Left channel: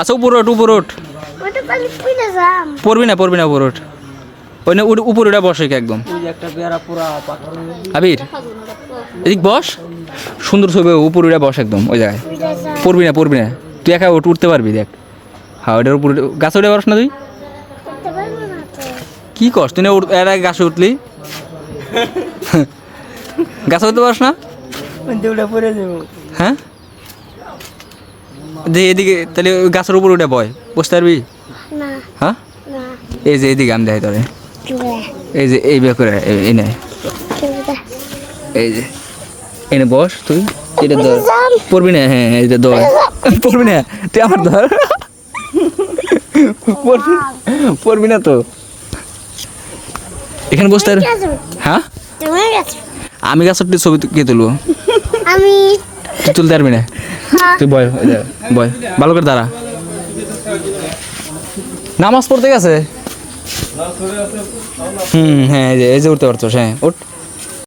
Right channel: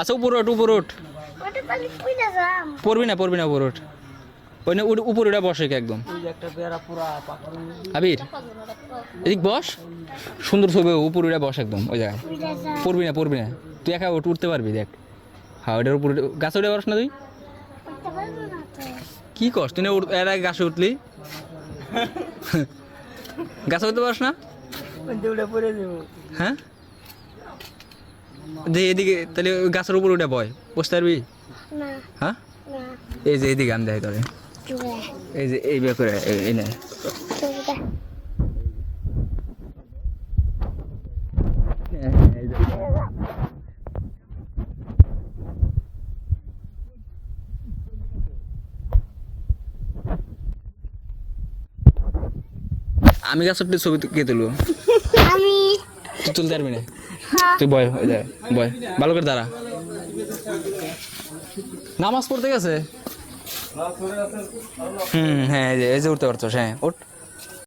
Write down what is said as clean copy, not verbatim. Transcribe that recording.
আচ্ছা উপরে ওঠ উপরে ওঠ। পড়বি না উপরে ওঠ। ওই না উপরে ওটা বসে একদম। আবির এদিক বস, সুন্দর ছবি উপরে উঠে বস একদম ওই জায়গায়। পড়বি না তুই একা উঠতে পারবি দেখ। হ্যাঁ ওইটার উপরে গাছে উঠে পারস না তুই? কি কস তুই না এর আগে গাছে উঠলি? গাছে উঠতে পারস না? হ্যাঁ যে এদিকে তাহলে ওই গাছের উপর উঠে বয়, বসতে পারবি? হ্যাঁ এই যে এদিকে আমি দেয় তোরে, এই যে এই বের করে এই নে, এই যে এনে বস তুই। এটা ধর, পড়বি না? হ্যাঁ এটা ধর, পড়বি না তুই আমার ধর। পড়বি না তো এখানে বসতে। হ্যাঁ আমি গাছের ছবি কে তুলবো? তুই তুলতে পারবি না? তুই বয় বয় ভালো করে দাঁড়া। নামাজ পড়তে গেছে। হ্যাঁ এই যে উঠতে পারতো। হ্যাঁ ওঠ।